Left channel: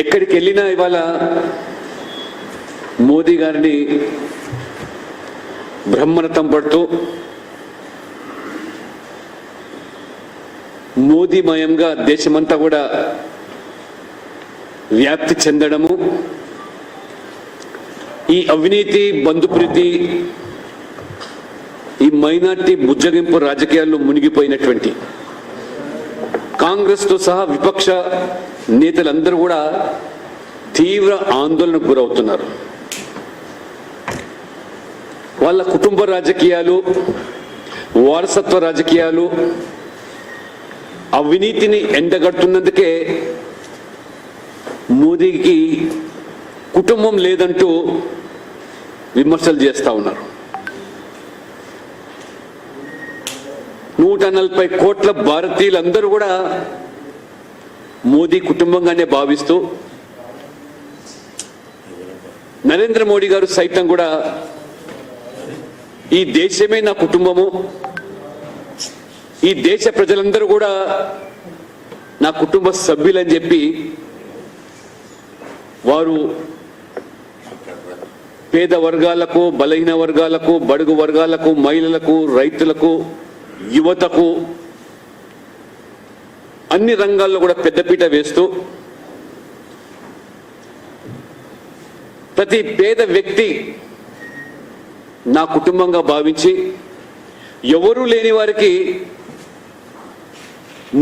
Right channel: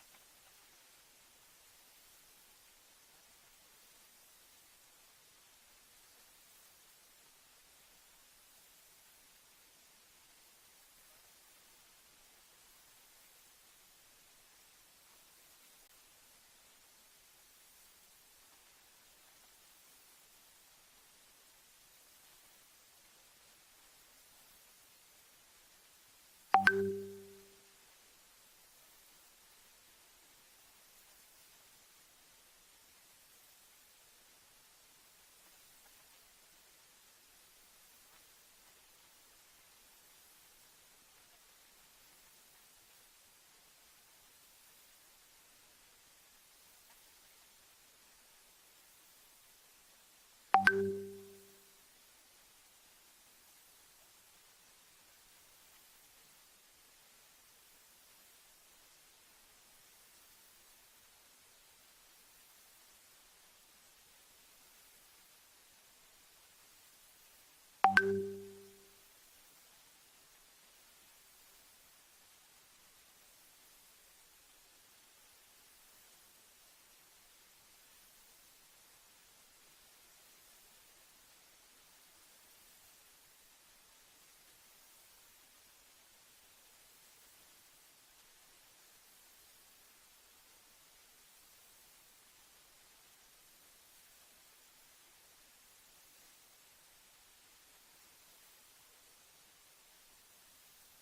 ఎక్కడికి వెళ్ళినా ఇవాళ మోదీ గారిని బ్రహ్మరథం పడుతూ మోదీమయంగా దేశమంతా కూడా వ్యాప్తి చెందడము, ఈ అవినీతి బంధుప్రీతి ఈ మైనార్టీ బుజ్జగింపు రాజకీయాల్లో మునిగిపోయినటువంటి కాంగ్రెస్తో సహా విపక్ష నేతలందరూ కూడా తీవ్ర ఆందోళనకు గురవుతున్నారు. వాళ్ళ కుటుంబ రాజకీయాలు, వారసత్వ రాజకీయాలు, అవినీతిని ఎండగడుతున్నందుకే మోదీకి కుటుంబం లేదంటూ విమర్శలు చేస్తూ ఉన్నారు. 140 కోట్ల భారతీయులందరూ కూడా మోదీ కుటుంబంగానే భావిస్తూ, నరేంద్ర మోడీ గారు సైతం కూడా ఈ దేశమే నా కుటుంబము, ఈ దేశ ప్రజలందరూ కూడా నా కుటుంబ సభ్యులని చెప్పి వారు పేద వర్గాలకు, బలహీన వర్గాలకు, బడుగు వర్గాలకు, మహిళలకు, రైతులకు, యువతకు అన్ని రంగాల్లో కూడా పెద్దపీట వేస్తూ ప్రతి పేద వ్యక్తి నా కుటుంబంగా భావించి ఎవరూ లేని వారికి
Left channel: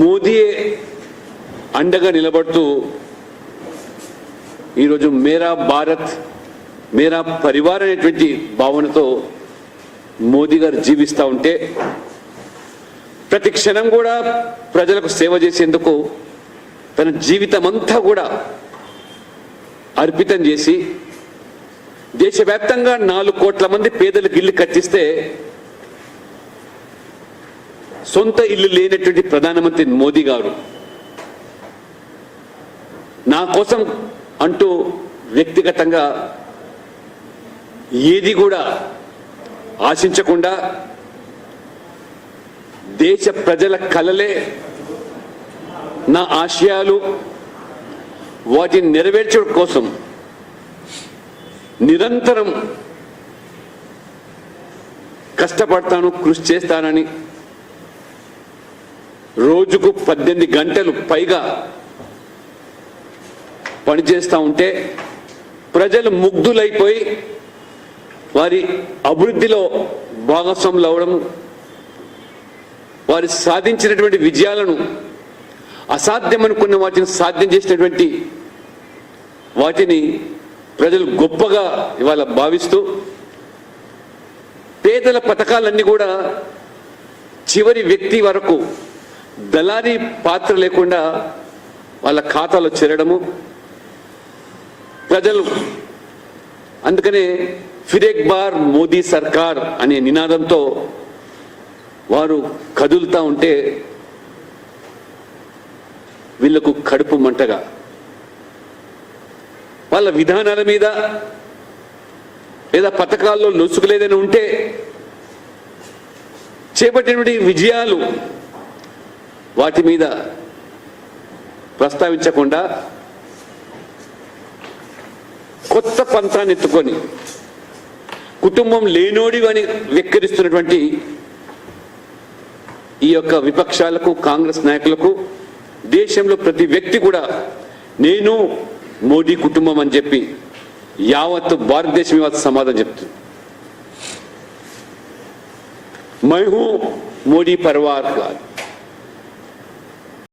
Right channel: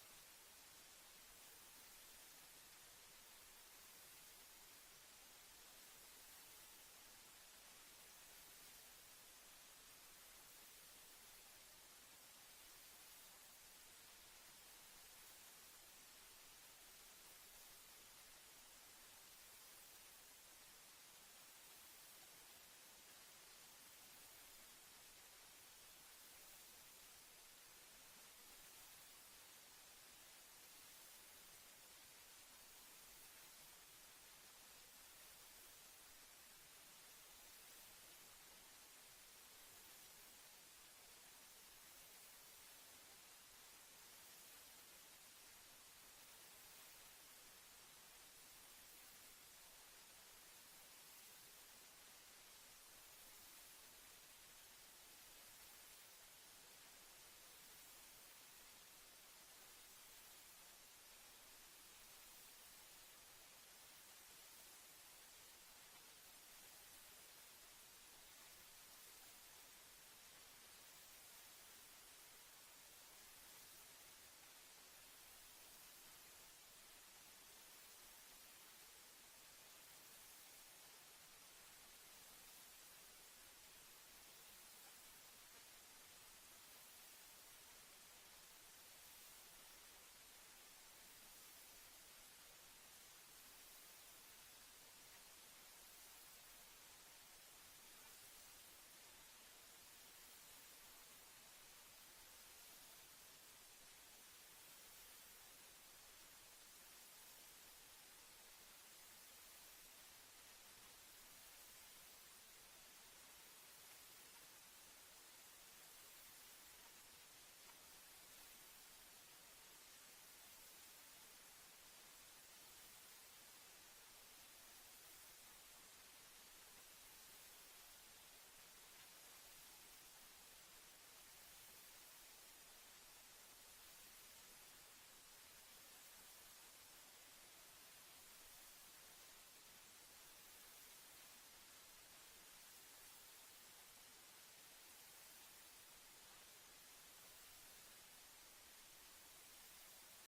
మోదీయే అండగా నిలబడుతూ ఈరోజు మేరా భారత్ మేరా పరివార్ అనేటువంటి భావనతో మోదీ గారు జీవిస్తూ ఉంటే, ప్రతి క్షణం కూడా ప్రజలకు సేవ చేసేందుకు తన జీవితం అంతా కూడా అర్పితం చేసి దేశవ్యాప్తంగా 4 కోట్ల మంది పేదలకు ఇల్లు కట్టిస్తే సొంత ఇల్లు లేనటువంటి ప్రధానమంత్రి మోదీ గారు నా కోసం అంటూ వ్యక్తిగతంగా ఏది కూడా ఆశించకుండా దేశ ప్రజల కలలే నా ఆశయాలు, వాటిని నెరవేర్చడం కోసం నిరంతరం కష్టపడతాను, కృషి చేస్తానని రోజుకు 18 గంటలు పైగా పనిచేస్తూ ఉంటే ప్రజలు ముగ్ధులైపోయి వారి అభివృద్ధిలో భాగస్వాములు అవడం, వారు సాధించినటువంటి విజయాలను, అసాధ్యమనుకున్న వాటిని సాధ్యం చేసినటువంటి వాటిని ప్రజలు గొప్పగా ఇవాళ భావిస్తూ పేదల పథకాలన్నీ కూడా చివరి వ్యక్తి వరకు దళారీ పాత్ర లేకుండా వాళ్ళ ఖాతాలో చేరడము, ప్రజలు అందుకనే ఫిర్ ఏక్ బార్ మోదీ సర్కార్ అనే నినాదంతో వారు కదులుతూ ఉంటే వీళ్లకు కడుపు మంటగా, వాళ్ళ విధానాల మీద లేదా పథకాల్లో లొసుగులేదని ఉంటే చేపట్టినటువంటి విజయాలు వాటి మీద ప్రస్తావించకుండా కొత్త పంతాన్ని ఎత్తుకొని కుటుంబం లేనోడి అని వెక్కిరిస్తున్నటువంటి ఈ యొక్క విపక్షాలకు, కాంగ్రెస్ నాయకులకు దేశంలో ప్రతి వ్యక్తి కూడా నేను మోడీ కుటుంబం అని చెప్పి యావత్తు భారతదేశం ఇవాళ సమాధానం చెప్తుంది. మై హూ మోడీ పరివార్ కాదు.